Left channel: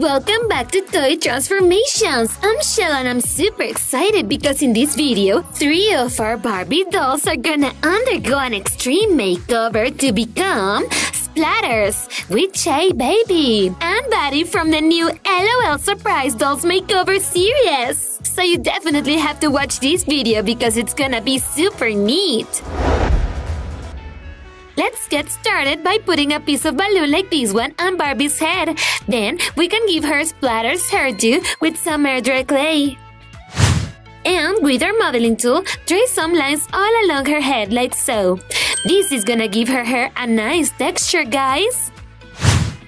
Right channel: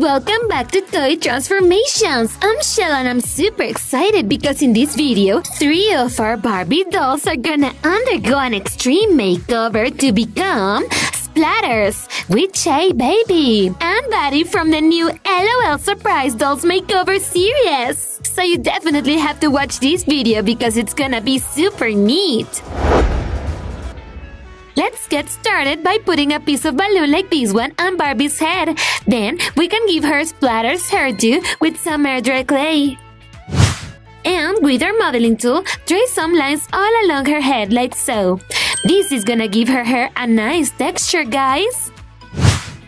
welcome back to Toy Transformations! I'm Chelle and I'm super excited because in this video, 3 of our Barbie dolls are gonna undergo an extreme makeover to become SPLATTERS, WITCHAY BAYBAY and Bhaddie from the new LOL Surprise Dolls Makeover series! So you definitely have to watch this video because it's gonna be super neat! Let's get started by putting a piece of balloon like this one on Barbie's head. Then we can give her Splatter's hairdo with some air dry clay. And with our modeling tool, trace some lines all along her head like so. This is gonna give her hair a nice texture, guys.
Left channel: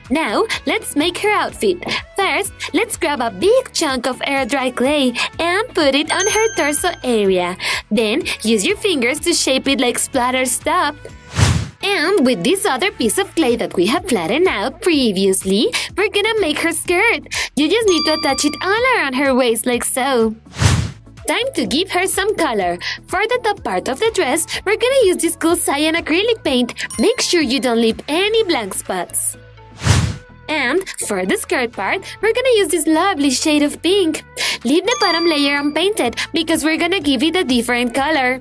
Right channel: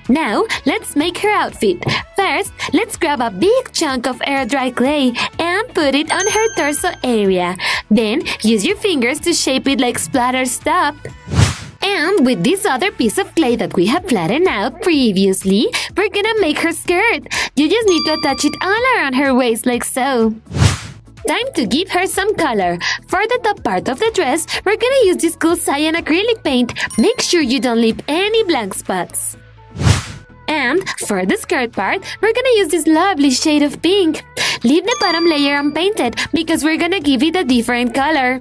Now, let's make her outfit. First, let's grab a big chunk of air dry clay and put it on her torso area. Then, use your fingers to shape it like Splatter's top. And with this other piece of clay that we have flattened out previously, we're gonna make her skirt. You just need to attach it all around her waist like so. Time to give her some color. For the top part of the dress, we're gonna use this cool cyan acrylic paint. Make sure you don't leave any blank spots. And for the skirt part, we're gonna use this lovely shade of pink. Leave the bottom layer unpainted because we're gonna give it a different color.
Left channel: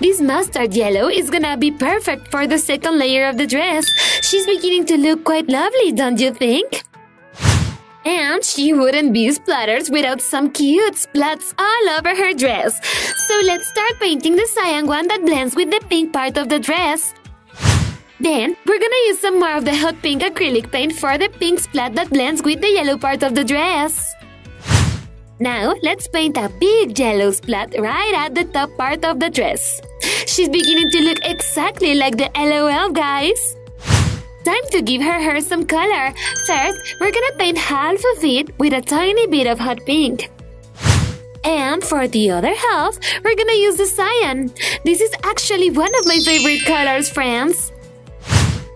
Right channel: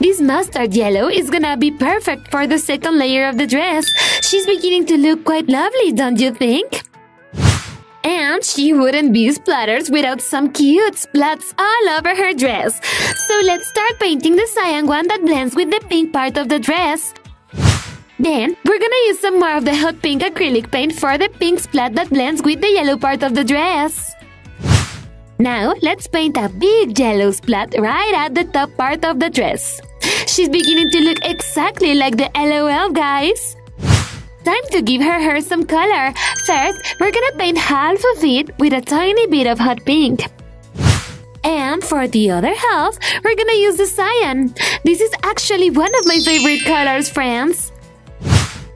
This mustard yellow is gonna be perfect for the second layer of the dress. She's beginning to look quite lovely, don't you think? And she wouldn't be Splatters without some cute splats all over her dress. So let's start painting the cyan one that blends with the pink part of the dress. Then, we're gonna use some more of the hot pink acrylic paint for the pink splat that blends with the yellow part of the dress. Now, let's paint a big yellow splat right at the top part of the dress. She's beginning to look exactly like the LOL, guys. Time to give her hair some color. First, we're gonna paint half of it with a tiny bit of hot pink. And for the other half, we're gonna use the cyan. This is actually one of my favorite colors, friends.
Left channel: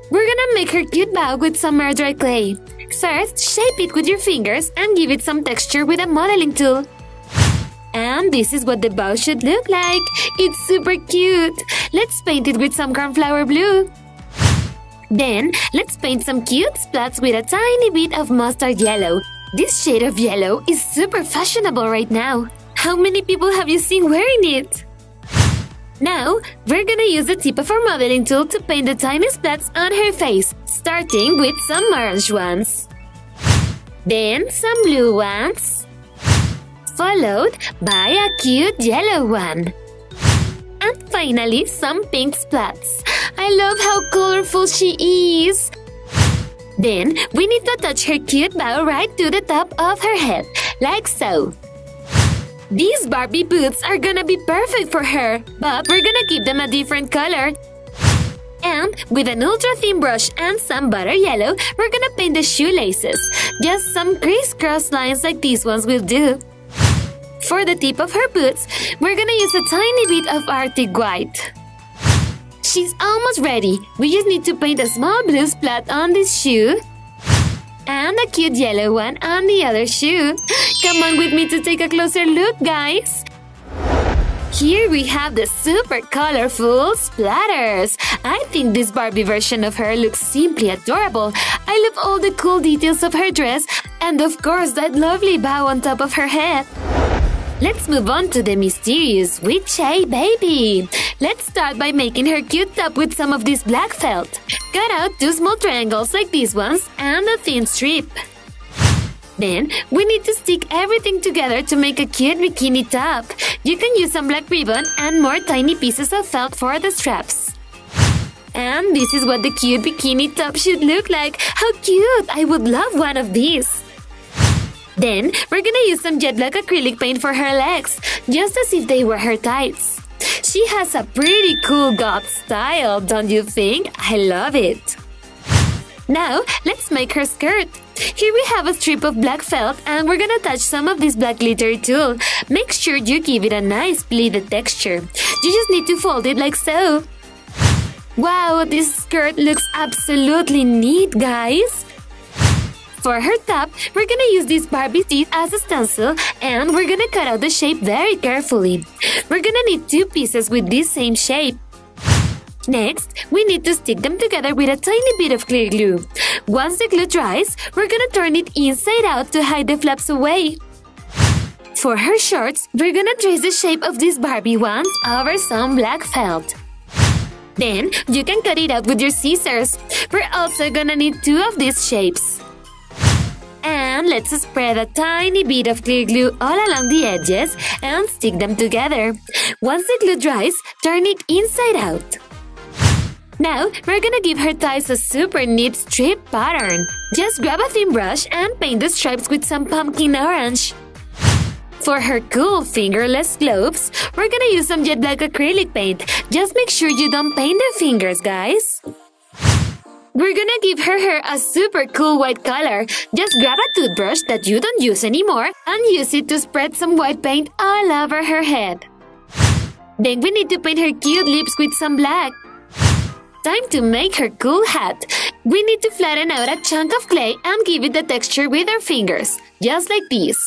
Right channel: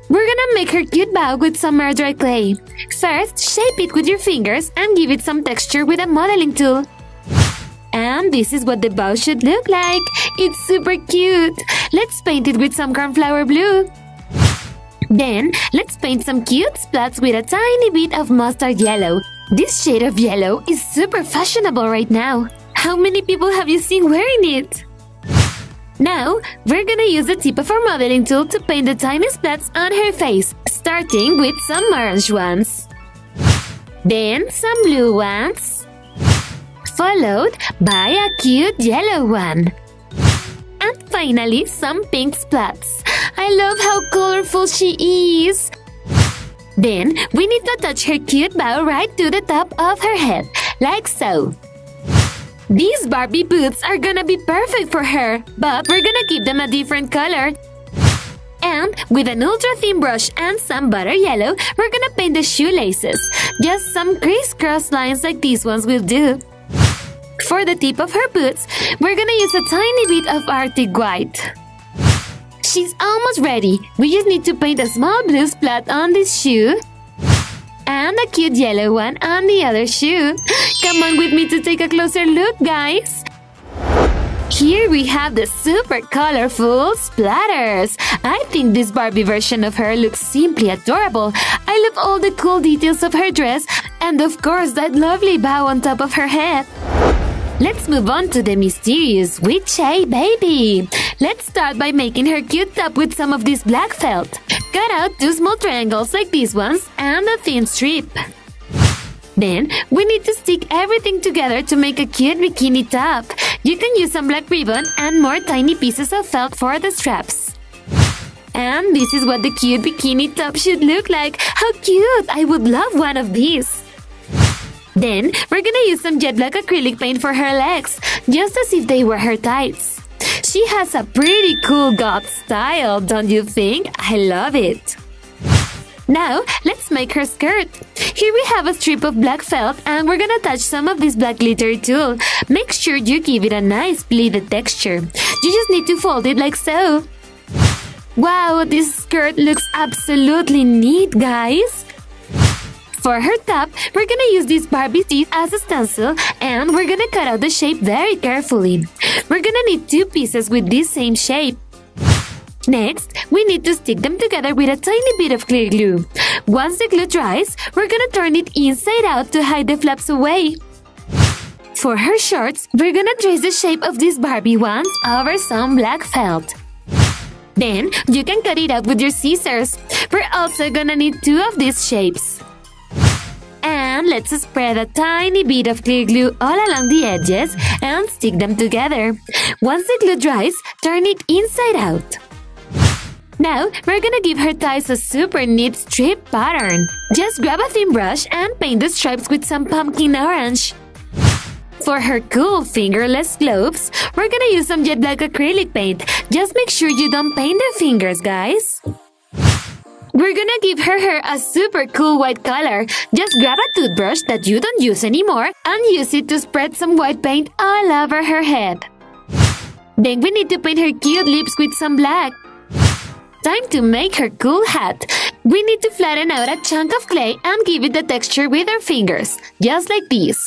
We're gonna make her cute bow with some air dry clay. First, shape it with your fingers and give it some texture with a modeling tool. And this is what the bow should look like. It's super cute. Let's paint it with some cornflower blue. Then, let's paint some cute splats with a tiny bit of mustard yellow. This shade of yellow is super fashionable right now. How many people have you seen wearing it? Now, we're gonna use the tip of our modeling tool to paint the tiny splats on her face, starting with some orange ones. Then some blue ones, followed by a cute yellow one. And finally, some pink splats. I love how colorful she is! Then, we need to attach her cute bow right to the top of her head, like so. These Barbie boots are gonna be perfect for her, but we're gonna give them a different color. And with an ultra-thin brush and some butter yellow, we're gonna paint the shoelaces. Just some crisscross lines like these ones will do. For the tip of her boots, we're gonna use a tiny bit of Arctic white. She's almost ready. We just need to paint a small blue splat on this shoe and a cute yellow one on the other shoe. Come on with me to take a closer look, guys! Here we have the super colorful Splatters! I think this Barbie version of her looks simply adorable. I love all the cool details of her dress and of course that lovely bow on top of her head. Let's move on to the mysterious WITCHAY BAYBAY! Let's start by making her cute top with some of this black felt. Cut out 2 small triangles like these ones and a thin strip. Then, we need to stick everything together to make a cute bikini top. You can use some black ribbon and more tiny pieces of felt for the straps. And this is what the cute bikini top should look like. How cute! I would love one of these. Then, we're gonna use some jet black acrylic paint for her legs, just as if they were her tights. She has a pretty cool goth style, don't you think? I love it! Now, let's make her skirt. Here we have a strip of black felt and we're gonna attach some of this black glittery tulle. Make sure you give it a nice pleated texture. You just need to fold it like so. Wow, this skirt looks absolutely neat, guys! For her top, we're gonna use this Barbie teeth as a stencil and we're gonna cut out the shape very carefully. We're gonna need 2 pieces with this same shape. Next, we need to stick them together with a tiny bit of clear glue. once the glue dries, we're gonna turn it inside out to hide the flaps away. For her shorts, we're gonna trace the shape of these Barbie ones over some black felt. Then, you can cut it out with your scissors. We're also gonna need 2 of these shapes. And let's spread a tiny bit of clear glue all along the edges and stick them together. Once the glue dries, turn it inside out. Now, we're gonna give her thighs a super neat strip pattern. Just grab a thin brush and paint the stripes with some pumpkin orange. For her cool fingerless gloves, we're gonna use some jet black acrylic paint. Just make sure you don't paint the fingers, guys. We're gonna give her hair a super cool white color. Just grab a toothbrush that you don't use anymore and use it to spread some white paint all over her head. Then we need to paint her cute lips with some black. Time to make her cool hat. We need to flatten out a chunk of clay and give it the texture with our fingers, just like this.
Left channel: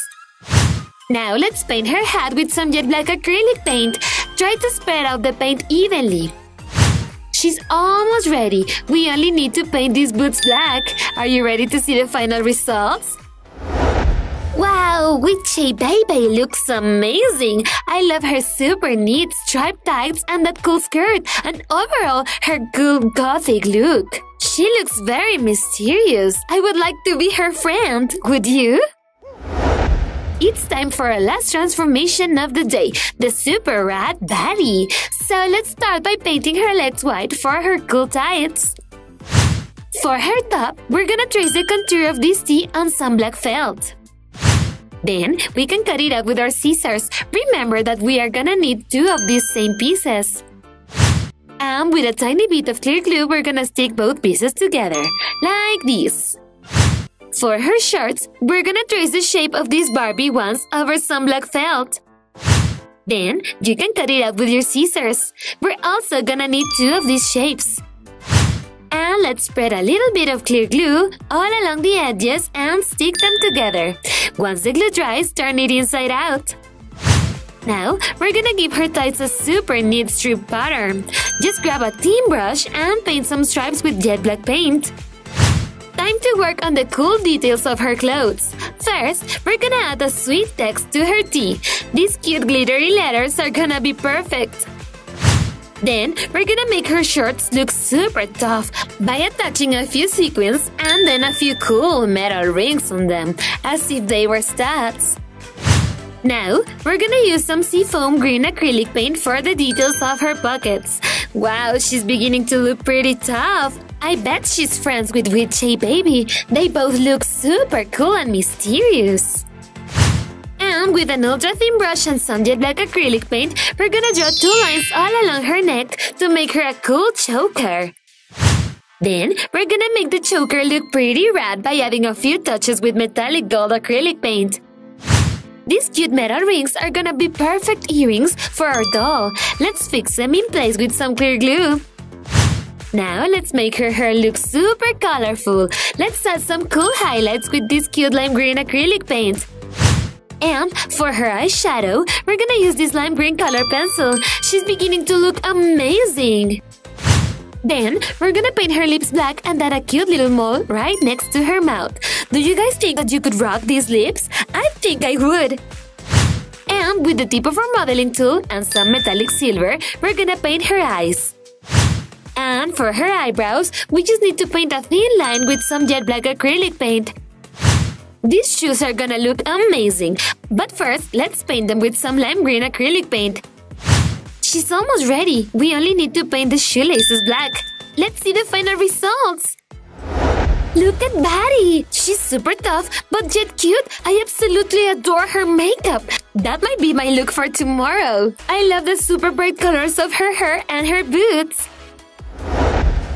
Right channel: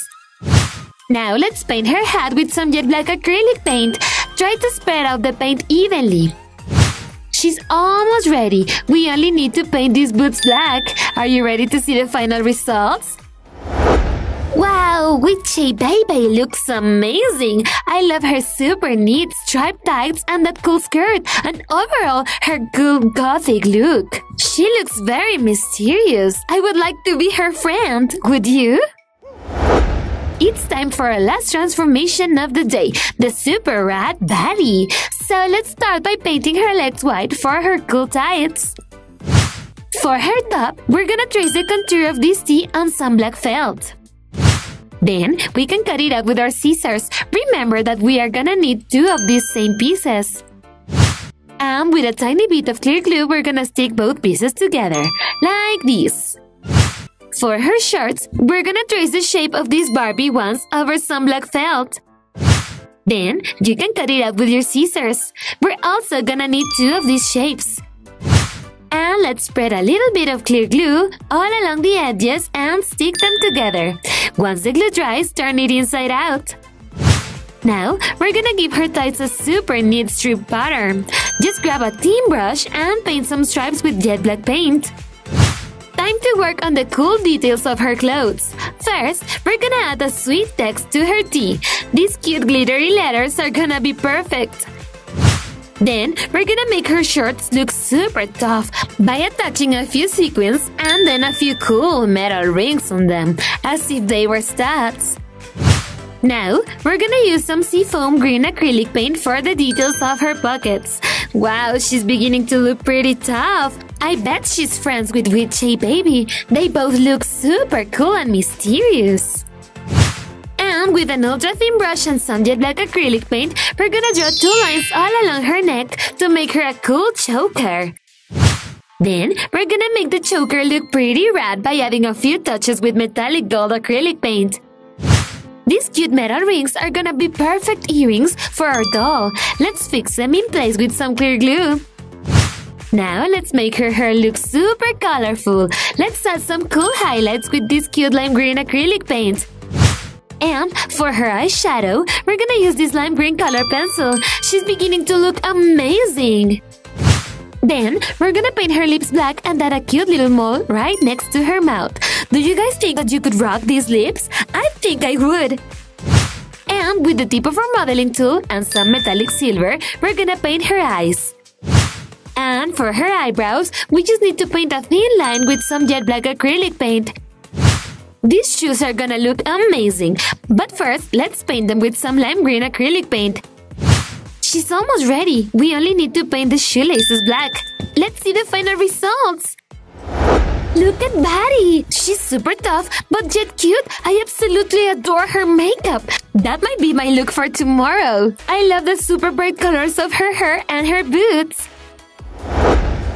Now let's paint her hat with some jet black acrylic paint. Try to spread out the paint evenly. She's almost ready. We only need to paint these boots black. Are you ready to see the final results? Wow, Witchay Baby looks amazing! I love her super neat striped tights and that cool skirt, and overall, her cool gothic look. She looks very mysterious. I would like to be her friend. Would you? It's time for our last transformation of the day, the super rat baddie. So let's start by painting her legs white for her cool tights. For her top, we're gonna trace the contour of this T on some black felt. Then, we can cut it out with our scissors. Remember that we are gonna need 2 of these same pieces. And with a tiny bit of clear glue, we're gonna stick both pieces together, like this. For her shorts, we're gonna trace the shape of these Barbie ones over some black felt. Then, you can cut it out with your scissors. We're also gonna need 2 of these shapes. And let's spread a little bit of clear glue all along the edges and stick them together. Once the glue dries, turn it inside out. Now, we're gonna give her tights a super neat strip pattern. Just grab a thin brush and paint some stripes with jet black paint. Time to work on the cool details of her clothes. First, we're gonna add a sweet text to her tee. These cute glittery letters are gonna be perfect. Then, we're gonna make her shorts look super tough by attaching a few sequins and then a few cool metal rings on them, as if they were studs. Now, we're gonna use some seafoam green acrylic paint for the details of her pockets. Wow, she's beginning to look pretty tough. I bet she's friends with Witchay Baby. They both look super cool and mysterious. And with an ultra-thin brush and some jet black acrylic paint, we're gonna draw 2 lines all along her neck to make her a cool choker. Then, we're gonna make the choker look pretty rad by adding a few touches with metallic gold acrylic paint. These cute metal rings are gonna be perfect earrings for our doll. Let's fix them in place with some clear glue. Now, let's make her hair look super colorful. Let's add some cool highlights with this cute lime green acrylic paint. And for her eyeshadow, we're gonna use this lime green color pencil. She's beginning to look amazing. Then, we're gonna paint her lips black and add a cute little mole right next to her mouth. Do you guys think that you could rock these lips? I think I would. And with the tip of our modeling tool and some metallic silver, we're gonna paint her eyes. And for her eyebrows, we just need to paint a thin line with some jet black acrylic paint. These shoes are gonna look amazing. But first, let's paint them with some lime green acrylic paint. She's almost ready. We only need to paint the shoelaces black. Let's see the final results. Look at Baddie! She's super tough, but yet cute. I absolutely adore her makeup. That might be my look for tomorrow. I love the super bright colors of her hair and her boots.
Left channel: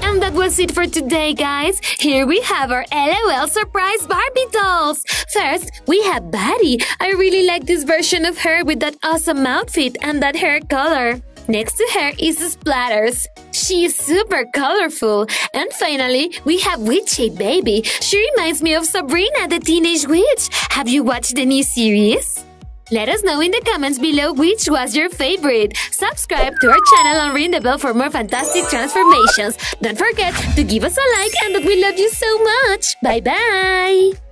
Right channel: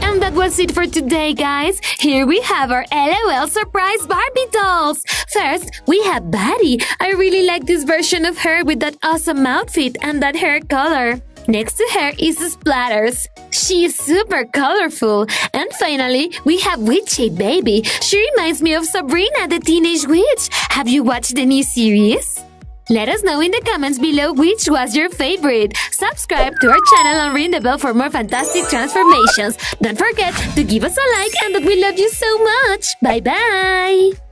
And that was it for today, guys. Here we have our LOL surprise Barbie dolls. First, we have Baddie. I really like this version of her with that awesome outfit and that hair color. Next to her is Splatters. She is super colorful. And finally, we have Witchay Baby. She reminds me of Sabrina, the Teenage Witch. Have you watched the new series? Let us know in the comments below which was your favorite. Subscribe to our channel and ring the bell for more fantastic transformations. Don't forget to give us a like and that we love you so much. Bye bye!